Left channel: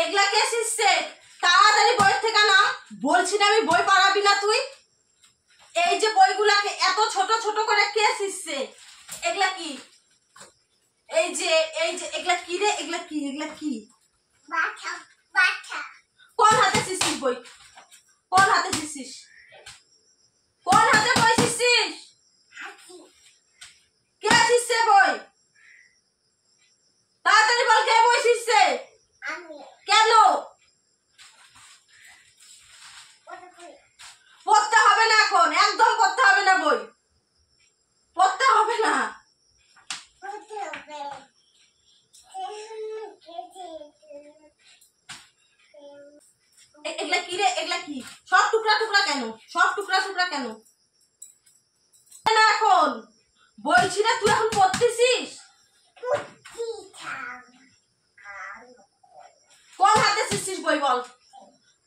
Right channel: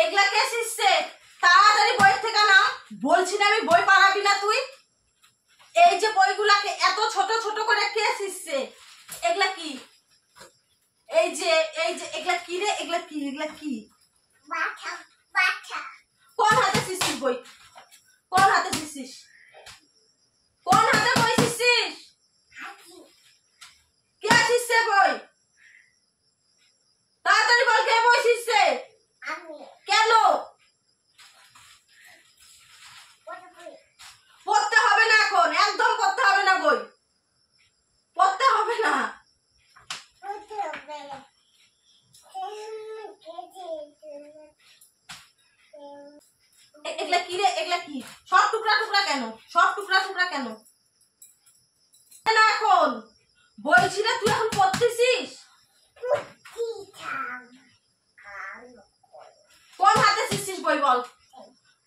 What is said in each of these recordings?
এগুলা কে শিখছে? তাড়াতাড়ি বই থেকে নাম। বলছি না আমি বই পারাবি না তুই। এই যে বইগুলাকে এত ছোট ছোট করে কে শিখছে? এগুলা কি? এই যে এগুলা কি রে? এগুলা কি? এগুলা কি? বাটা বাটা। কোন হাতে শিখছিস বই? কোন হাতে শিখছিস? কোন হাতে বই শিখছিস? কে শিখছে বই? তাড়াতাড়ি বল, কে বই শিখছে? আমি। কেন? পড়তে হবে না এখন, একদম পড়তে হবে না বই, পড়তে হবে না। এগুলা কি রে? এগুলা কি? সব টুকরা টুকরা কেন? সব টুকরা টুকরা কেন? না এখন বলছি না, তুই এখন পড়তেছিস। কোন হাতে শিখছিস বই বল?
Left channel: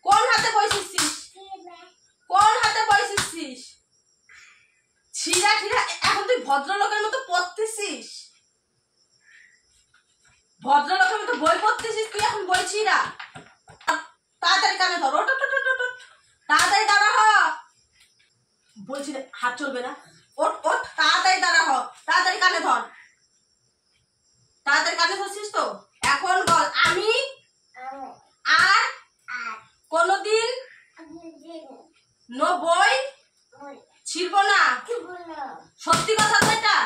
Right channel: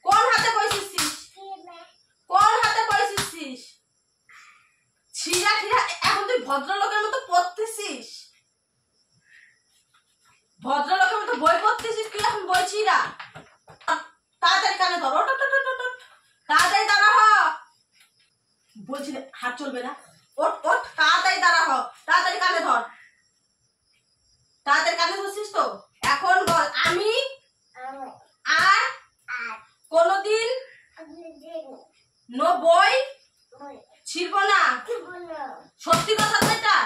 কোন হাতে বই শিখছিস? কোন হাতে বই শিখছিস? ছিঁড়া ঠিরা এখন তুই ভদ্রলোকের মতো পড়তেছিস। ভদ্রলোকের মতো বই পড়তেছিস তুই এখন, বই ছিঁড়া। তাড়াতাড়ি কানে ধর, ওট ওট ওট ওট, তাড়াতাড়ি দাঁড়া হ। বলছি রে, হাত চলবে না। ওট ওট, তাড়াতাড়ি দাঁড়া হ, তাড়াতাড়ি কানে ধর। তাড়াতাড়ি কানে ধরছিস তো? এখন বল, আমি আর কোনদিন বই ছিড়ব না। সত্যি কথা তো এটা?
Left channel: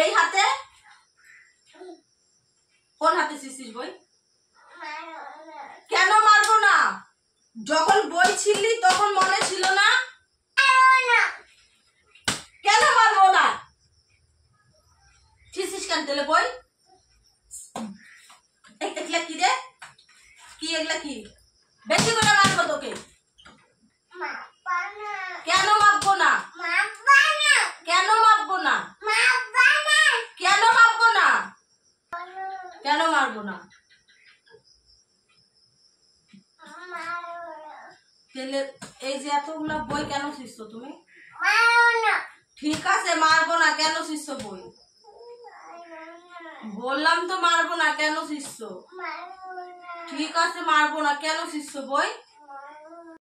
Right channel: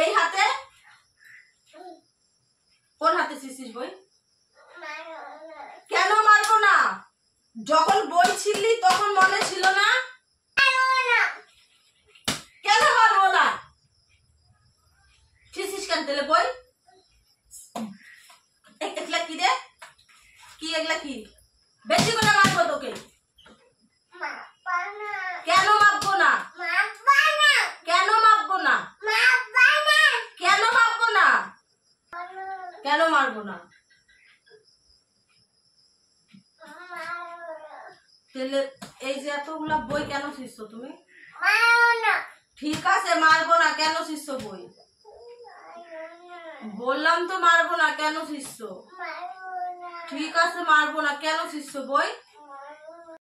এই হাতে? কোন হাতে শিখছিস বই? কেন মারবো না? যখন বই ছিড়লি তখন মনে ছিল না? কেন মারবো না? ছিড়ছিস কেন তেলে বই? এগুলা কি রে? কি এগুলা কি? বেশি করে মারবো তোকে। কেন মারবো না? কেন মারবো না? কেন মারবো না? কেন মারবো না? তেলে এই যে এতগুলা বই কেন শিখছো তুমি? ঠিক আছে মারবো না, কেন শিখছো বই? বললাম তো মারবো না, কেন শিখছো? ঠিক আছে মারবো না, কেন শিখছো বই?